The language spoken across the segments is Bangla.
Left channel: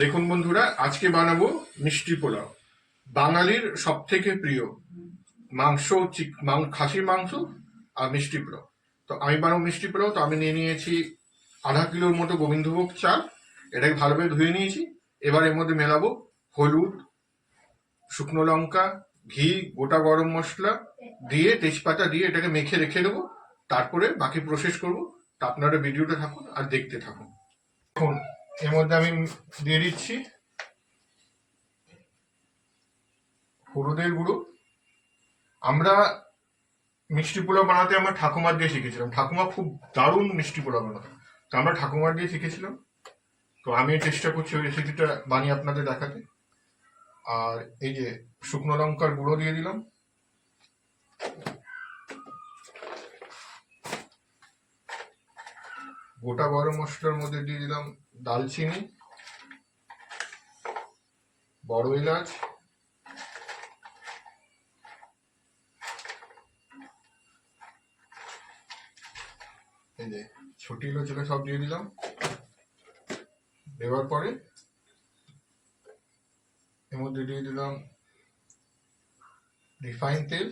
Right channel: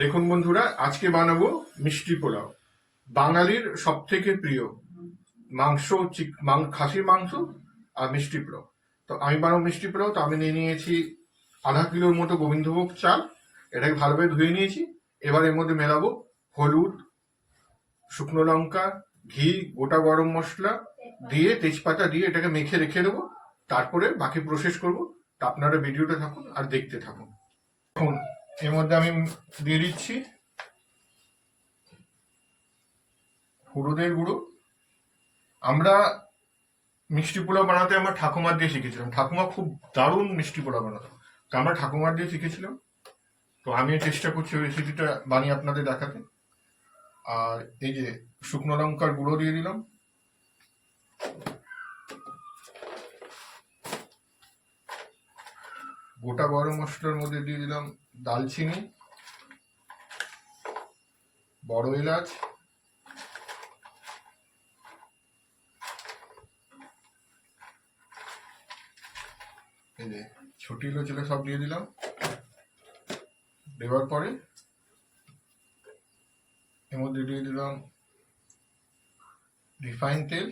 দেখুন বন্ধুরা, আজকে বানাবো মিষ্টি পোলাও। বাঙালির সব থেকে প্রিয় মাংস খাসির মাংস আর মিষ্টি পোলাও। তো আমি বানাবো মিষ্টি পোলাও, তো আমি নিয়ে নিয়েছি আধা কিলোর মতো গোবিন্দভোগ চাল। এটাকে ভালোভাবে ধুয়ে নিয়েছি। এবার এর মধ্যে মেলাবো হলুদ, শুকনো লঙ্কা, ঘি, গোটা গরম মশলা দিয়ে তেজপাতা দিয়ে এটাকে মেখে রেখে দেবো। তারপরে বাকি প্রসেস করব। তা আপনারা ভিডিওটা থাকুন আর দেখতে থাকুন। এখন এর মধ্যে আমি দিয়ে দিচ্ছি হলুদের গুঁড়ো। আমরা মিষ্টি পোলাও বানাতে আমার ঠাকুমার দিয়ে শিখেছিলাম। ঠাকুমা খুব দারুণ মিষ্টি পোলাও বানাতো। তো আমরা ঠাকুমার দিয়ে শিখেছিলাম। তো আমিও চেষ্টা করছি ওই রেসিপিটা বানিয়ে আপনাদের দেখাতে। আর এই যে শুকনো লঙ্কার গুঁড়ো দিয়ে দিলাম। গোটা গরম মশলার মধ্যে দিয়ে দিলাম দালচিনি, বড় এলাচ, এই যে ছোটি ছিল সব দিয়ে দিলাম। দেওয়ার পরে এর মধ্যে দিয়ে দিলাম রিফাইন তেল।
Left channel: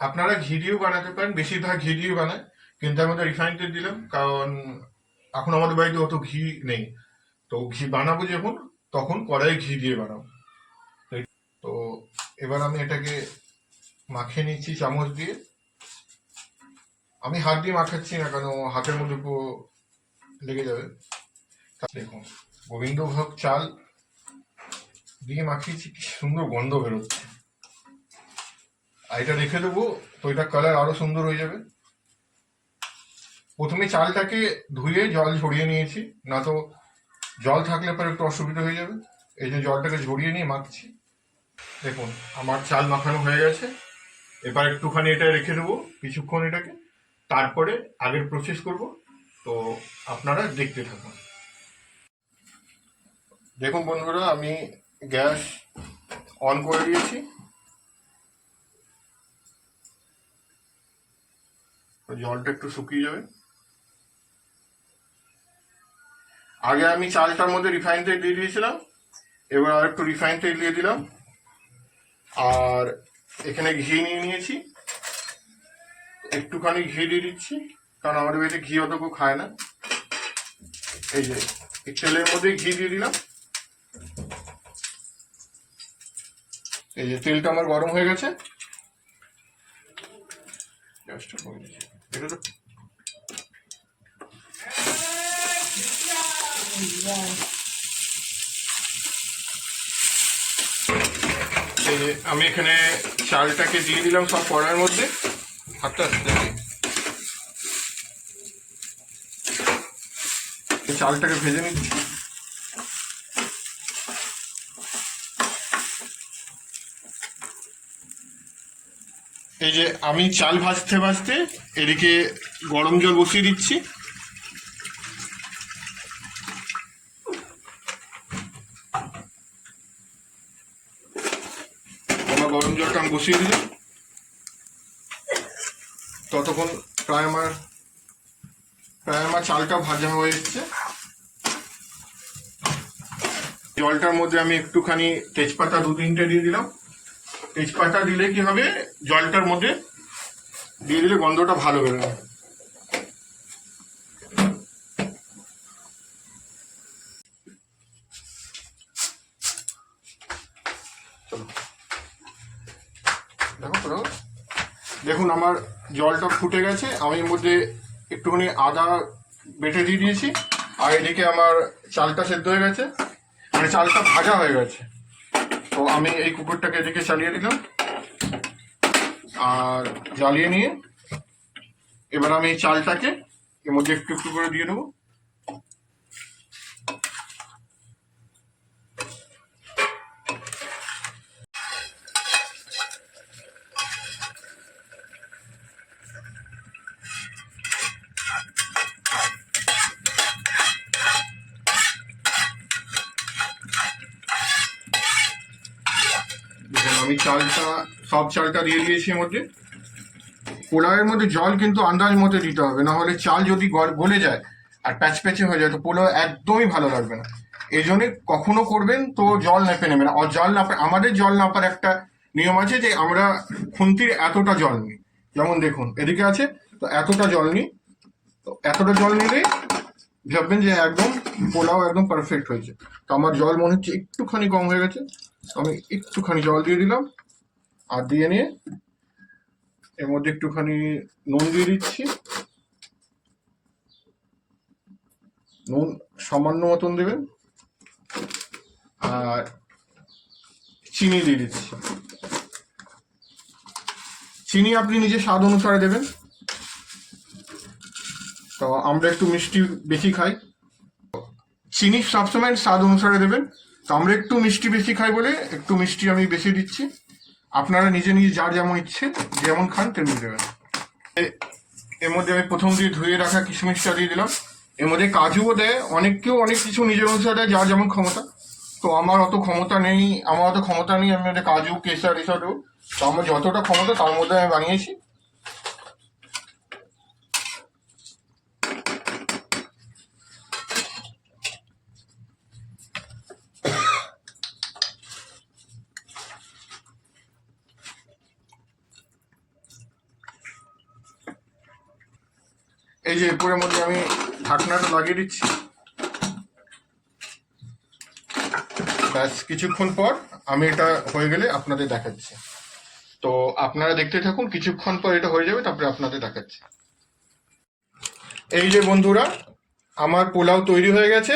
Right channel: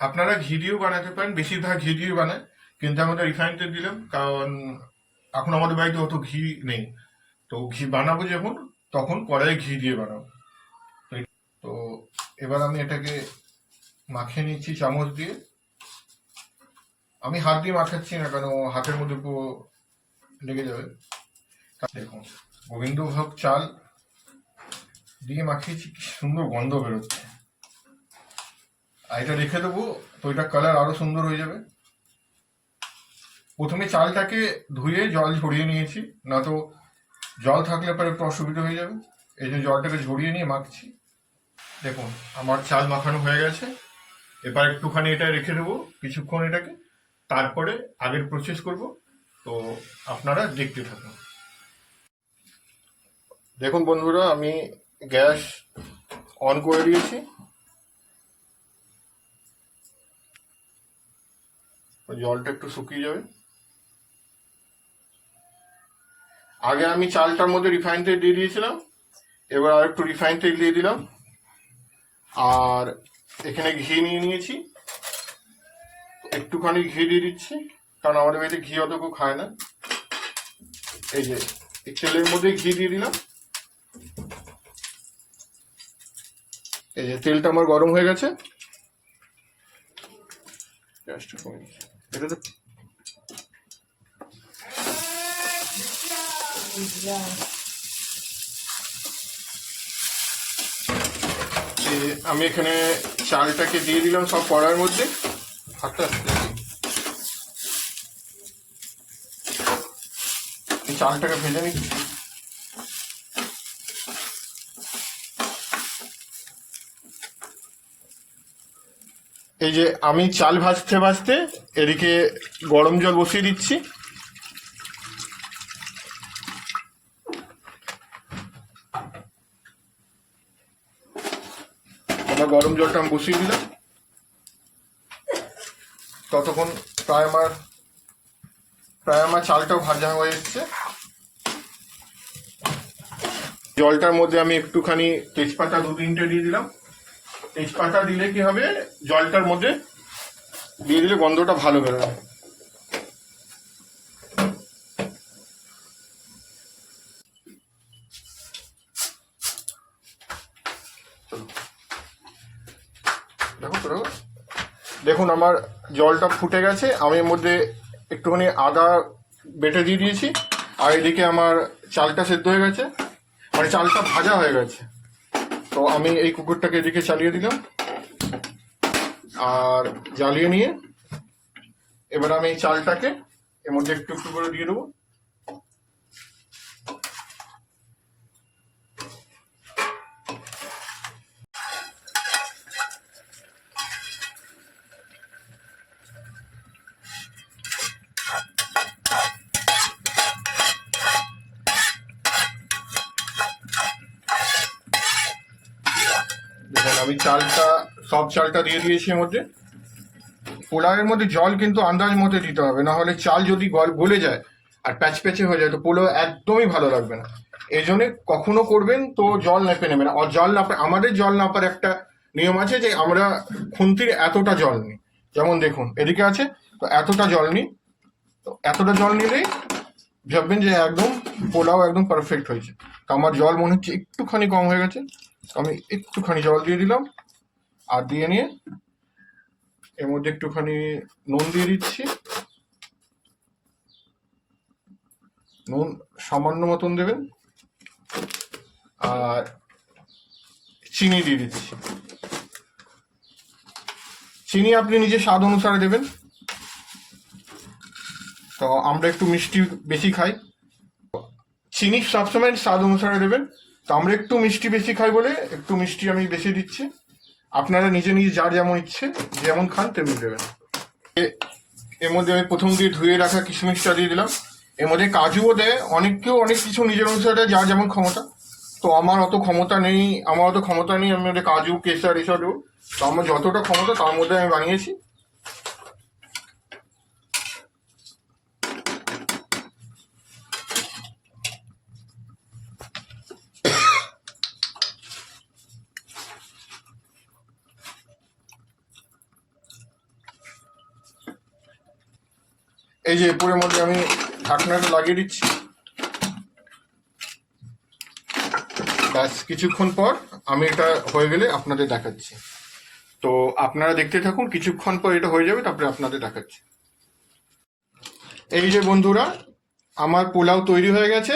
আপনারা ঘি দিয়েও বানাতে পারেন, বেশিরভাগ ঘি দিয়ে বানায়। কিন্তু আমাদের রিফাইন তেল দিলাম, কারণ এখন আমাদের বাড়িতে অত ঘি নেই। তো ঘি বানাবো যখন, তখন কড়াই ঘি দিয়ে বানাবো। তো এবার আমি এটাকে মাখিয়ে নিচ্ছি চামচ দিয়ে। আমি হাত দিয়ে মাখাচ্ছি না কেন হাতের মধ্যে পুরো লেগে যাবে। দেখুন, গোবিন্দভোগ চাল দিয়ে মাখিয়েছি, কি সুন্দর গন্ধ বেরোচ্ছে। আর এটা রেখে দেবো, তো এটা কালার আরও সুন্দর হয়ে যাবে। প্রথমে চালটাকে ধুয়ে জল ঝরিয়ে নিয়েছি, না তো জল থাকলে পরে একটু অসুবিধা হয়ে যাবে। এই জন্য জলটাকে ঝরিয়ে নিয়ে মাখছি। দেখুন, আমার চাল মাখানো হয়ে গেছে। এবার একটুখানি এটা রেখে দেবো কিছুক্ষণ এটাকে। তারপরে আগের প্রসেস করব। তো আপনারা দেখতে থাকুন। দেখুন বন্ধুরা, আমি গ্যাস অন করে দিয়েছি। জলটা একটু শুকিয়ে যাবে। আগে আমি চালটার মধ্যে রিফাইন তেল দিয়ে দিয়েছিলাম, এবার আর একটু রিফাইন তেল দিয়ে দিলাম। আর এখানে ঘি নিয়ে নিয়েছি। একটুখানি ঘি দিয়ে দিচ্ছি, কারণ আমাদের বাড়িতে ঘি অত কেউ খায় না। এই যে তেলের মধ্যে ঘি দিয়ে দিলাম। এই যে তেলটা আমার গরম হয়ে গেছে। এটা তো এই যে আমি এখানে চালটাকে দিয়ে দিলাম সব পড়ার মধ্যে। হাতটা চালটাকে ভেজে নিচ্ছি। এই যে আমি চাল ভাজতে ভাজতে এদিকে গরম জল বসিয়ে দিচ্ছি। গরম জলটা আমি বসিয়ে দিলাম ততক্ষণ প্রায় আমার প্রায় আমার চালটা ভাজা হয়ে এসছে। জলটার মধ্যে আমি একটুখানি তেজপাতা দু তিনটে দিয়ে দিলাম। তেজপাতা দিলে কি হবে? জলটার মধ্যে দিয়ে দিলে গন্ধটা ভালো বেরোবে তো, দেখুন আমার জলটা ফুটে গেছে। আমি এর মধ্যে একটুখানি আদা বেটে দিয়ে দিয়েছি। আর এদিকে আমার চালটা সেদ্ধ হয়ে গেছে। মানে চালটা ভাজা হয়ে গেছে। তো আমি এই কুকুরটাকে এদিকে চালিয়ে দিলাম। আর জ্বালিয়ে নিয়ে এবার আমি চালটাকে এর মধ্যে একটু একটু করে দিয়ে দেবো। আমি চালটা, সব চালটা দিয়ে দিয়েছি এর মধ্যে। পোলাওয়ের মধ্যে জল কিন্তু আন্দাজ মতো দিতে হবে, না হলে চাল যদি গল- যায় আর প্যাচ প্যাচে হয়ে যায়, তো পোলাও একদমই ভালো লাগবে না। এই জন্য কখনো করবেন তো জল নেপে নেবেন। আর জল নাপা আমাদের জল নাপার একটা নিয়ম আছে যে আমরা খুন্তির এতটা জল নিই। যেমন দেখুন, এদিকে আছে, তো এতটা জল নিই। তো এতটা জল নিলেই ভাববেন যে একদম পোলাও একদম পারফেক্ট হয়েছে। তো আমার জল মনে হচ্ছে একটুখানি কম হয়ে গেছে। আমি একটুখানি জল দিয়ে দিলাম, আর দিয়ে নিয়ে এর মধ্যে একটুখানি নুন দিয়ে দিচ্ছি। নুন সামান্য মতন দেবেন, আর চিনি দিয়ে দিচ্ছি। চিনি আপনি নিজে স্বাদ অনুসারে দেবেন। তো আমরা একটু মিষ্টি বেশি খাই। চিনি সবসময় স্বাদ অনুসারে দেবেন। তো আমরা একটু মিষ্টি বেশি খাই বলে একটু মিষ্টি আমি বেশি দিচ্ছি। আপনারা নিজে নিজে যার যেমন ইচ্ছে, যেমন খান তেমনি দেবেন। এর মধ্যে আমি প্রথম দিয়ে ধুয়ে রাখা কিশমিশটা দিয়ে দিলাম। এর মধ্যে কাজুও দেয়, অনেক কেউ অনেক কিছু নিজের অনুসারে যার যেমন ক্ষমতা। তো আমার অত ক্ষমতা নেই, আমার অত ক্ষমতা নেই, আমি কাজু কেসার এসব তো আমার যতটা ক্ষমতা তার মধ্যে আমি বানিয়েছি। এই যে এরপরের মধ্যে আমি ঢাকনাটা লাগিয়ে দিচ্ছি। ব্যাস, কিছুক্ষণ পর আমি এটা হয়ে গেলে আপনাদের দেখাচ্ছি। তো আপনারা দেখতে থাকুন, কিছুক্ষণ পর এটা হয়ে যাবে, তারপরে আপনাদের দেখাচ্ছি। এই যে বন্ধুরা, আমার পোলাও তৈরি হয়ে গেছে,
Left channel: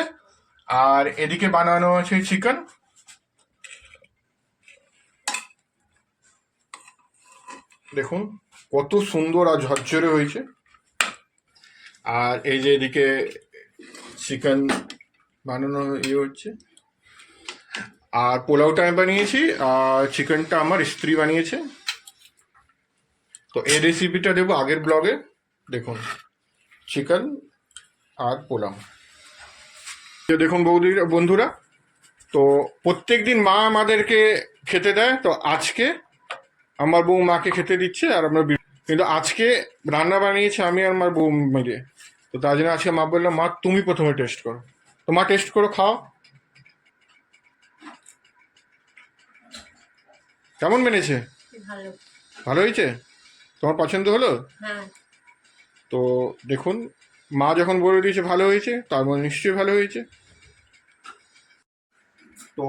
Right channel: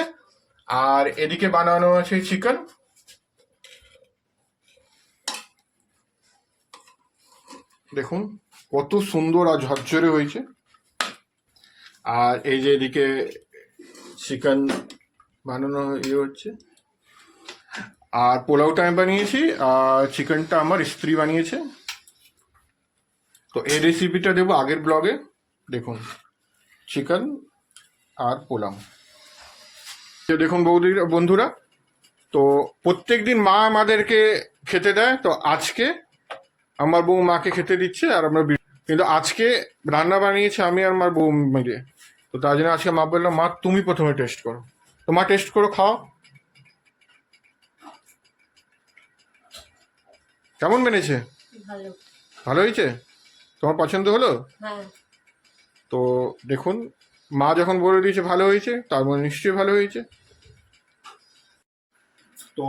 আর এদিকে বানানো আছে চিকেন দেখুন, কত সুন্দর আর ঝরঝরে হয়েছে। আর এই যে এদিকে চিকেন বানানো ইয়ে হচ্ছে। আর পোলাওটা আমি বানিয়েছি, আর চিকেনটা আমার স্ত্রী বানিয়েছে। তো এই রেসিপিটা দেবো আগের ব্লগে। দেখুন, চিকেন আর পোলাও। দেখুন বৌদি, বন্ধুরা, তো প্রত্যেক দিন মা আমাদেরকে খেতে দেয়। তো আজকে আমার বউ মাকে খেতে দিচ্ছে, আর আমরা কিন্তু আজকে রান্না বানিয়েছে আমি আর আমার বউ মিলে। তো তার জন্য আজকে মা বললাম মা তুমি প্রথমে টেস্ট করো। তো মা টেস্ট করো খাও। কেমন মেনেছে? ভালো। ভালো হয়েছে? তোমার পছন্দ হলো? হ্যাঁ। তো দেখুন মা যখন বলে দিয়েছে ভালো হয়েছে তার মানে নিশ্চয়ই ভালো হয়েছে। তো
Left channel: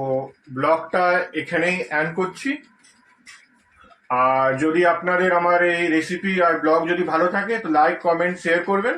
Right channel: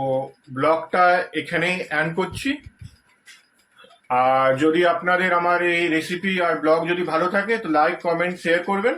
ব্লগটা এখানেই অ্যান্ড করছি। আর যদি আপনাদের আমার এই রেসিপি আর ব্লগ যদি ভালো থাকে তো লাইক কমেন্ট শেয়ার করবেন।